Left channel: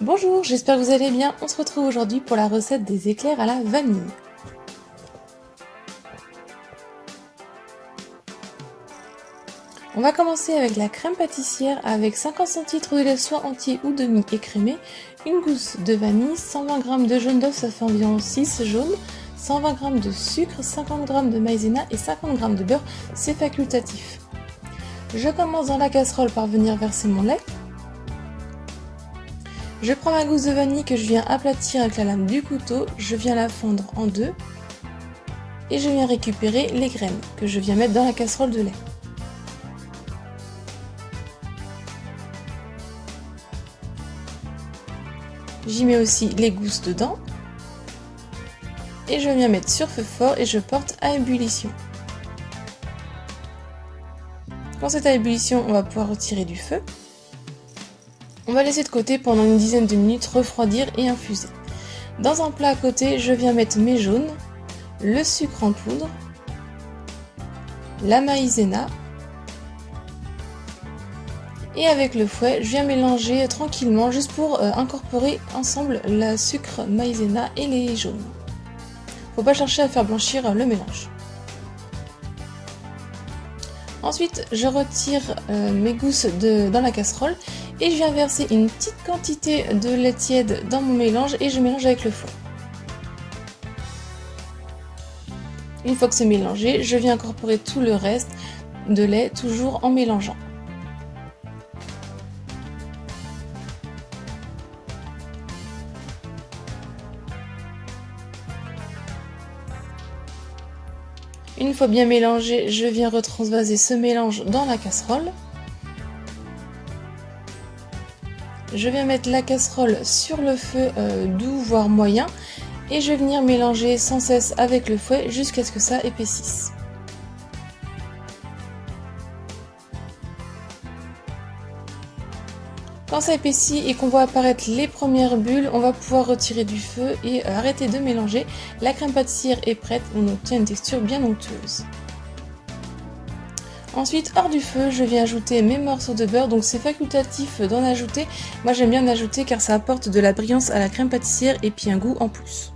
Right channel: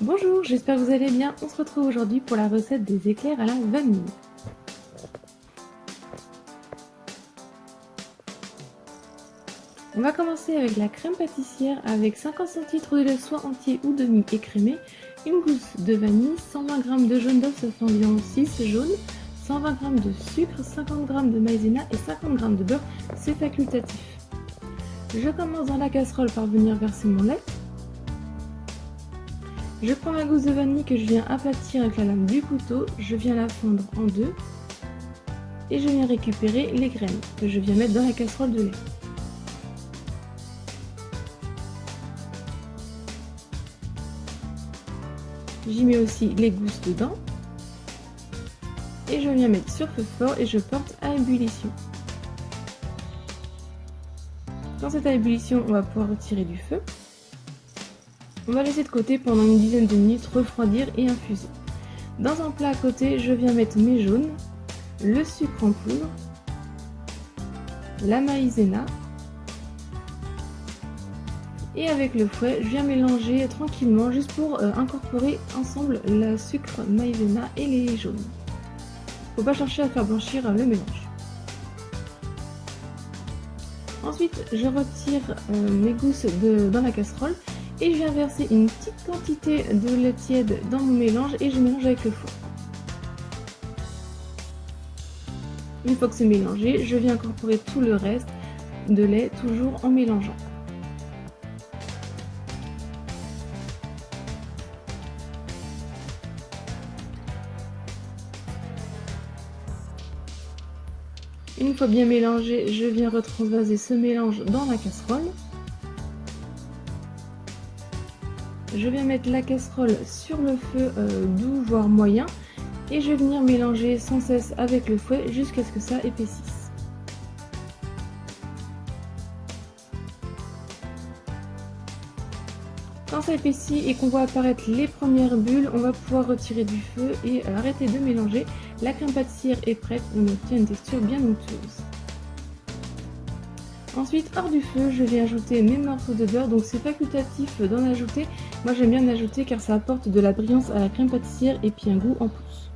Bonjour, j'espère que vous allez bien. On se retrouve aujourd'hui pour la recette des éclairs à la vanille. On va commencer avec la crème pâtissière avec 50 centilitres de lait soit entier ou demi écrémé, une gousse de vanille, 120 g de jaune d'œuf, ça fait environ 6 jaunes, 120 g de sucre, 50 g de maïzena et 50 g de beurre, c'est facultatif. Je commence dans la casserole par venir verser mon lait. Je prends ma gousse de vanille que je viens aplatir avec la lame du couteau, je viens la fondre en deux et je viens récupérer les graines que je viens mettre dans la casserole de lait. J'y mets aussi les gousses dedans et je viens mettre sur feu fort et je porte à ébullition. Quand c'est à ébullition, on va pouvoir retirer du feu. On va laisser de côté pendant une dizaine de minutes refroidir et infuser. Dans un plat à côté, je viens mettre mes jaunes, le sucre en poudre, la maïzena et avec le fouet, je viens mélanger tranquillement juste pour incorporer ensemble le sucre, maïzena et les jaunes. Faut pas chercher à faire blanchir le mélange. Ensuite, je retire mes gousses dans la casserole et je viens verser une petite quantité de lait tiède dans mon mélange et je mélange avec le fouet. Une fois que c'est mélangé, je viens incorporer tout le reste de lait toujours en mélangeant. Une fois bien mélangé, je viens retransvaser ce mélange dans la casserole. Je viens mettre la casserole sur le feu doux voire moyen et je vais venir mélanger sans cesse avec le fouet jusqu'à ce que ça épaississe. Quand ça épaissit et qu'on voit apparaître les premières bulles, on va pouvoir retirer du feu et arrêter de mélanger. La crème pâtissière est prête, on obtient une texture bien onctueuse. Ensuite, hors du feu, je viens ajouter mes morceaux de beurre, donc c'est facultatif d'en ajouter. Moi j'aime bien en ajouter car ça apporte de la brillance à la crème pâtissière et puis un goût en plus.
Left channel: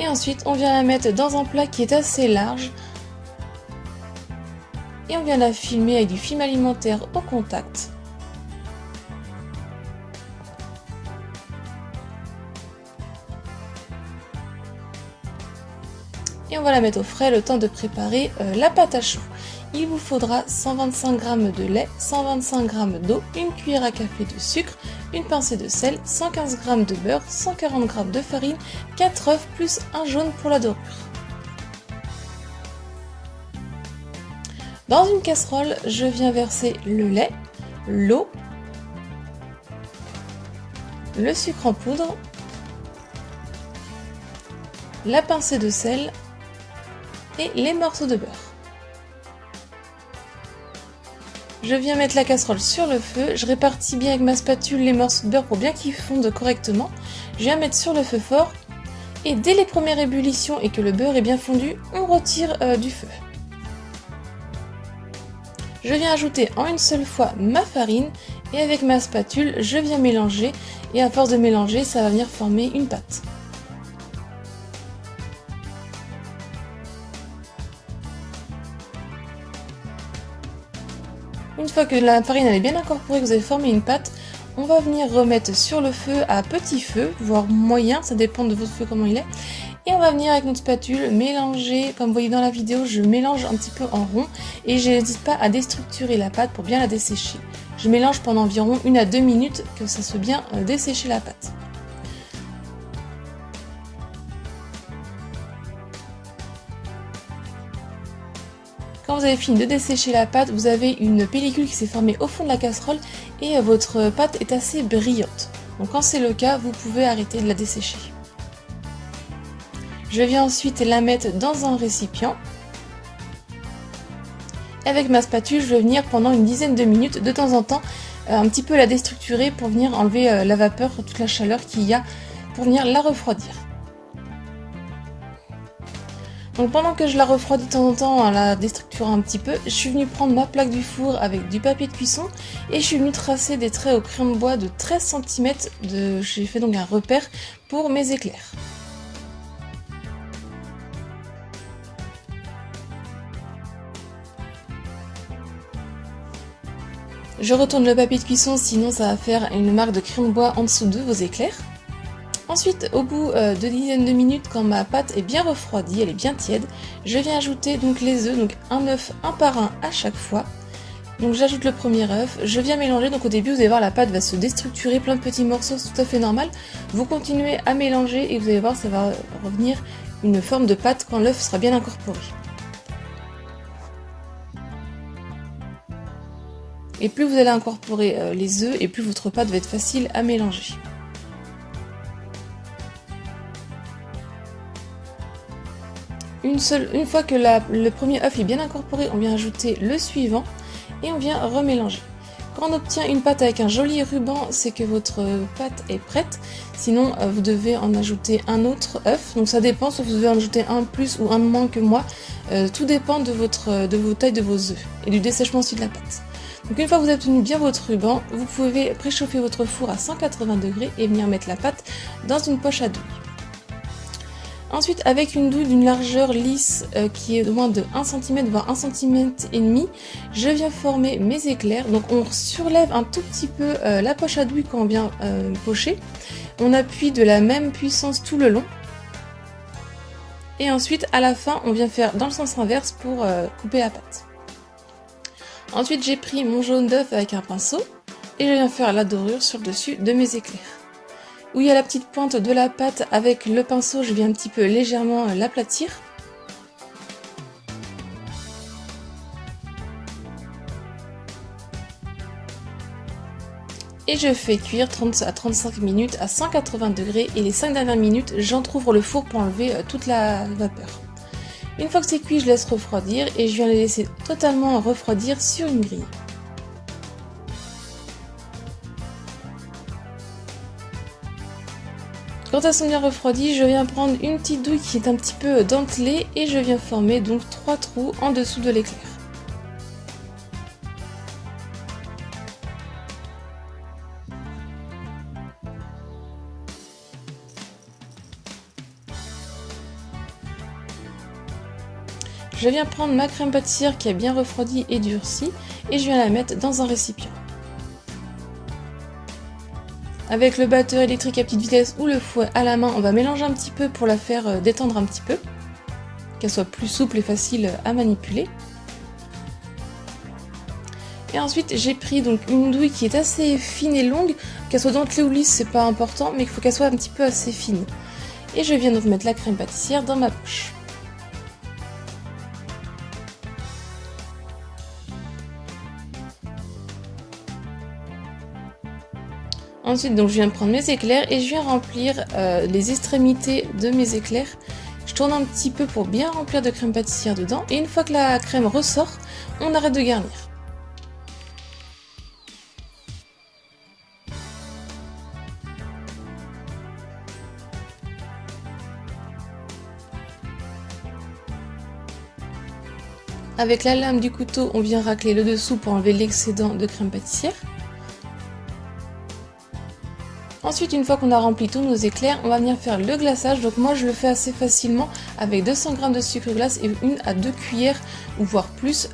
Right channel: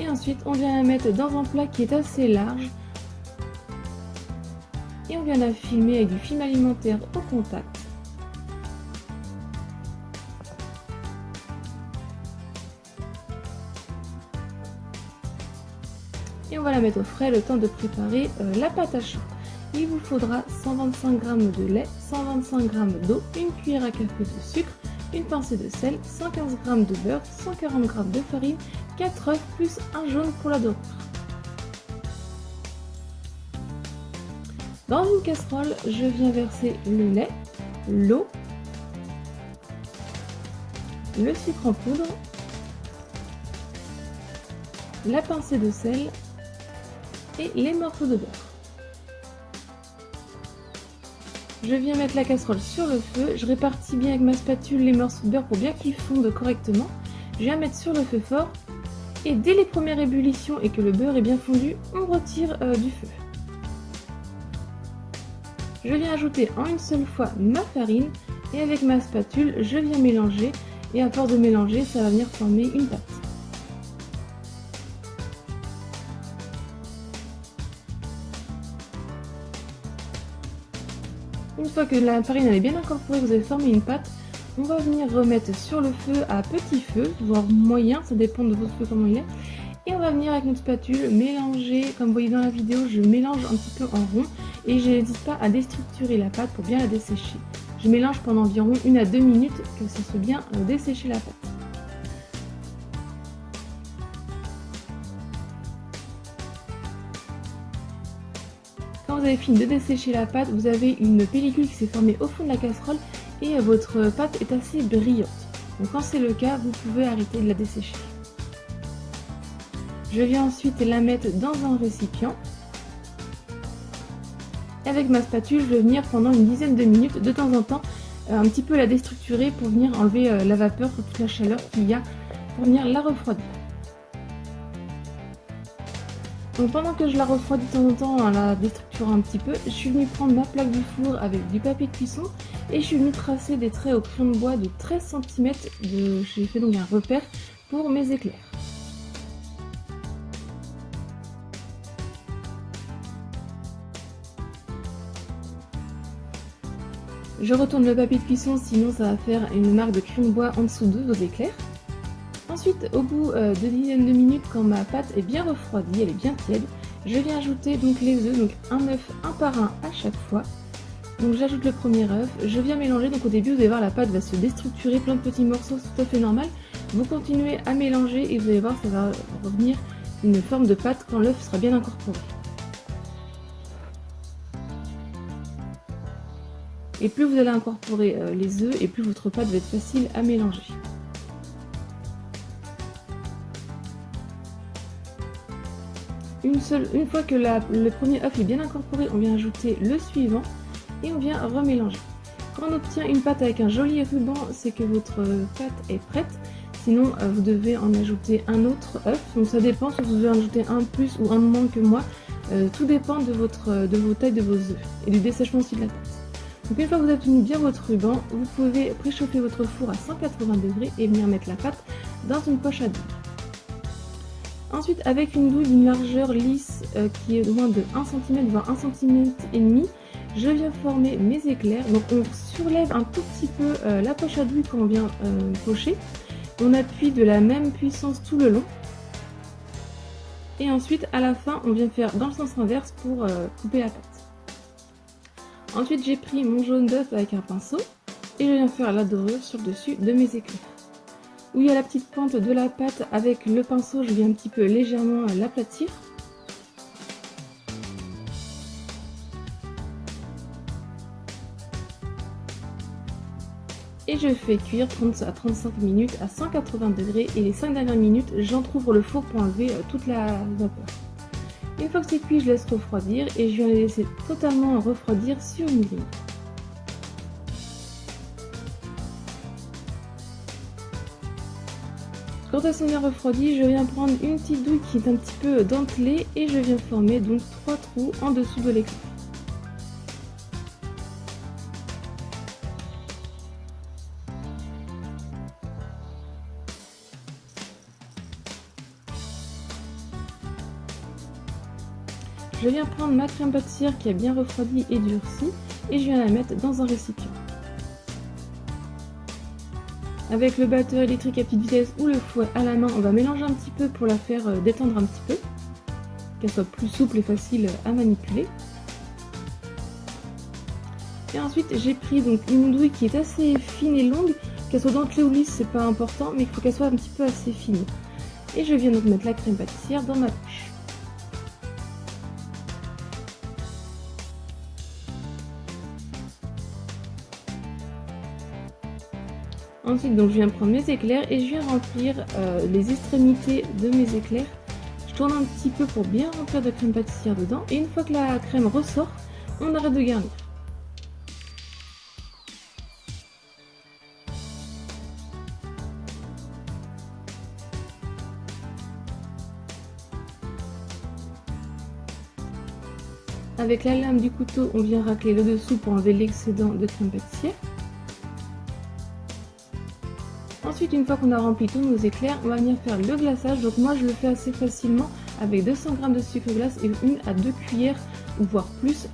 Et ensuite, on vient la mettre dans un plat qui est assez large. Et on vient la filmer avec du film alimentaire au contact. Et on va la mettre au frais le temps de préparer la pâte à choux. Il vous faudra 125 g de lait, 125 g d'eau, une cuillère à café de sucre, une pincée de sel, 115 g de beurre, 140 g de farine, 4 œufs plus un jaune pour la dorure. Dans une casserole, je viens verser le lait, l'eau, le sucre en poudre, la pincée de sel et les morceaux de beurre. Je viens mettre la casserole sur le feu, je répartis bien avec ma spatule les morceaux de beurre pour bien qu'ils fondent correctement. Je viens mettre sur le feu fort et dès les premières ébullitions et que le beurre est bien fondu, on retire du feu. Je viens ajouter en une seule fois ma farine et avec ma spatule, je viens mélanger et à force de mélanger, ça va venir former une pâte. Une fois que la farine est bien incorporée, que vous avez formé une pâte, on va venir remettre sur le feu à petit feu, voire moyen, ça dépend de votre feu comment il est. Et on va venir avec notre spatule mélanger, comme vous voyez dans la vidéo, je mélange un petit peu en rond et je n'hésite pas à déstructurer la pâte pour bien la dessécher. Je mélange pendant environ 1 à 2 minutes que ça soit bien dessécher la pâte. Quand vous avez fini de dessécher la pâte, vous avez une pellicule qui s'est formée au fond de la casserole et votre pâte est assez brillante. Donc quand c'est le cas, vous pouvez arrêter de la dessécher. Je viens ensuite la mettre dans un récipient. Avec ma spatule, je vais venir pendant une dizaine de minutes, de temps en temps, un petit peu la déstructurer pour venir enlever la vapeur, toute la chaleur qu'il y a, pour venir la refroidir. Donc pendant que je la refroidis de temps en temps en la déstructurant un petit peu, je suis venue prendre ma plaque du four avec du papier de cuisson et je suis venue tracer des traits au crayon de bois de 13 cm. J'ai fait donc un repère pour mes éclairs. Je retourne le papier de cuisson, sinon ça va faire une marque de crayon de bois en dessous de vos éclairs. Ensuite, au bout de dizaines de minutes, quand ma pâte est bien refroidie, elle est bien tiède, je viens ajouter donc les œufs, donc un œuf un par un à chaque fois. Donc j'ajoute le premier œuf, je viens mélanger, donc au début vous allez voir la pâte va se déstructurer, plein de petits morceaux, c'est tout à fait normal. Vous continuez à mélanger et vous allez voir ça va revenir une forme de pâte quand l'œuf sera bien incorporé. Et plus vous allez incorporer les œufs et plus votre pâte va être facile à mélanger. Une fois que le premier œuf est bien incorporé, on vient ajouter le suivant et on vient remélanger. Quand on obtient une pâte avec un joli ruban, c'est que votre pâte est prête. Sinon, vous devez en ajouter un autre œuf. Donc ça dépend, soit vous devez en ajouter un de plus ou un de moins que moi. Tout dépend de vos tailles de vos œufs et du dessèchement aussi de la pâte. Donc une fois que vous avez obtenu bien votre ruban, vous pouvez préchauffer votre four à 180 degrés et venir mettre la pâte dans une poche à douille. Ensuite, avec une douille d'une largeur lisse qui est de moins de 1 cm voire 1 cm et demi, je viens former mes éclairs. Donc on surlève un tout petit peu la poche à douille quand on vient pocher. On appuie de la même puissance tout le long. Et ensuite, à la fin, on vient faire dans le sens inverse pour couper la pâte. Ensuite, j'ai pris mon jaune d'œuf avec un pinceau et je viens faire la dorure sur le dessus de mes éclairs. Où il y a la petite pointe de la pâte, avec le pinceau, je viens un petit peu légèrement l'aplatir. Et je fais cuire 30 à 35 minutes à 180 degrés et les 5 dernières minutes, j'entrouvre le four pour enlever toute la vapeur. Une fois que c'est cuit, je laisse refroidir et je viens les laisser totalement refroidir sur une grille. Quand elles sont bien refroidies, je viens prendre une petite douille qui est un petit peu dentelée et je viens former donc 3 trous en dessous de l'éclair. Je viens prendre ma crème pâtissière qui est bien refroidie et durcie et je viens la mettre dans un récipient. Avec le batteur électrique à petite vitesse ou le fouet à la main, on va mélanger un petit peu pour la faire détendre un petit peu, qu'elle soit plus souple et facile à manipuler. Et ensuite j'ai pris donc une douille qui est assez fine et longue, qu'elle soit dentelée ou lisse c'est pas important, mais il faut qu'elle soit un petit peu assez fine. Et je viens donc mettre la crème pâtissière dans ma poche. Ensuite, donc, je viens prendre mes éclairs et je viens remplir les extrémités de mes éclairs. Je tourne un petit peu pour bien remplir de crème pâtissière dedans. Et une fois que la crème ressort, on arrête de garnir. Avec la lame du couteau, on vient racler le dessous pour enlever l'excédent de crème pâtissière. Ensuite, une fois qu'on a rempli tous nos éclairs, on va venir faire le glaçage. Donc moi je le fais assez facilement avec 200 g de sucre glace et 1 à 2 cuillères ou voire plus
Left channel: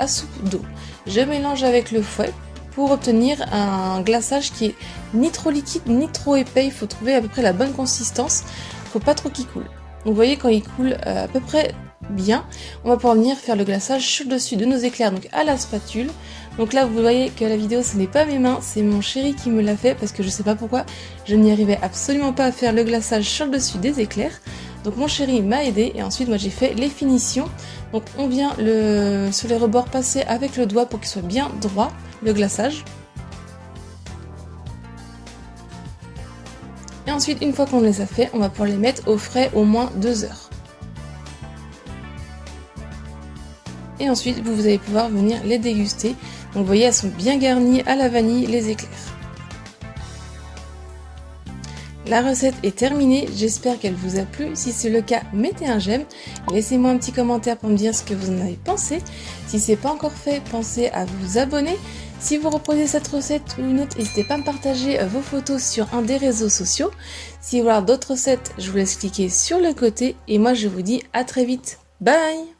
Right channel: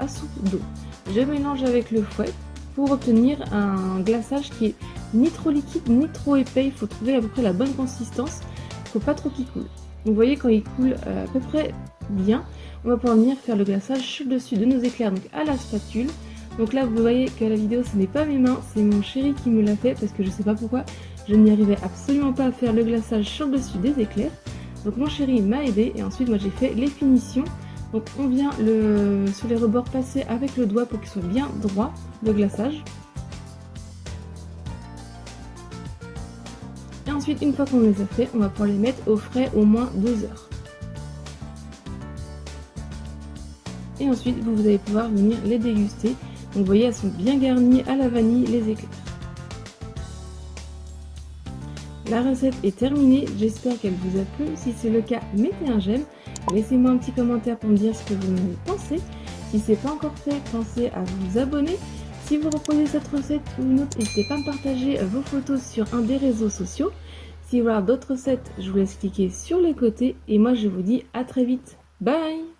à soupe d'eau. Je mélange avec le fouet pour obtenir un glaçage qui est ni trop liquide ni trop épais. Il faut trouver à peu près la bonne consistance, il ne faut pas trop qu'il coule. Donc vous voyez, quand il coule à peu près bien, on va pouvoir venir faire le glaçage sur le dessus de nos éclairs, donc à la spatule. Donc là vous voyez que la vidéo ce n'est pas mes mains, c'est mon chéri qui me l'a fait parce que je sais pas pourquoi je n'y arrivais absolument pas à faire le glaçage sur le dessus des éclairs. Donc mon chéri m'a aidé et ensuite moi j'ai fait les finitions. Donc on vient sur les rebords passer avec le doigt pour qu'il soit bien droit le glaçage. Et ensuite une fois qu'on les a fait, on va pouvoir les mettre au frais au moins 2 heures. Et ensuite vous allez pouvoir venir les déguster. Donc vous voyez, elles sont bien garnies à la vanille, les éclairs. La recette est terminée, j'espère qu'elle vous a plu. Si c'est le cas, mettez un j'aime. Laissez-moi un petit commentaire pour me dire ce que vous en avez pensé. Si ce n'est pas encore fait, pensez à vous abonner. Si vous reproduisez cette recette ou une autre, n'hésitez pas à me partager vos photos sur un des réseaux sociaux. Si vous voulez voir d'autres recettes, je vous laisse cliquer sur le côté. Et moi, je vous dis à très vite. Bye!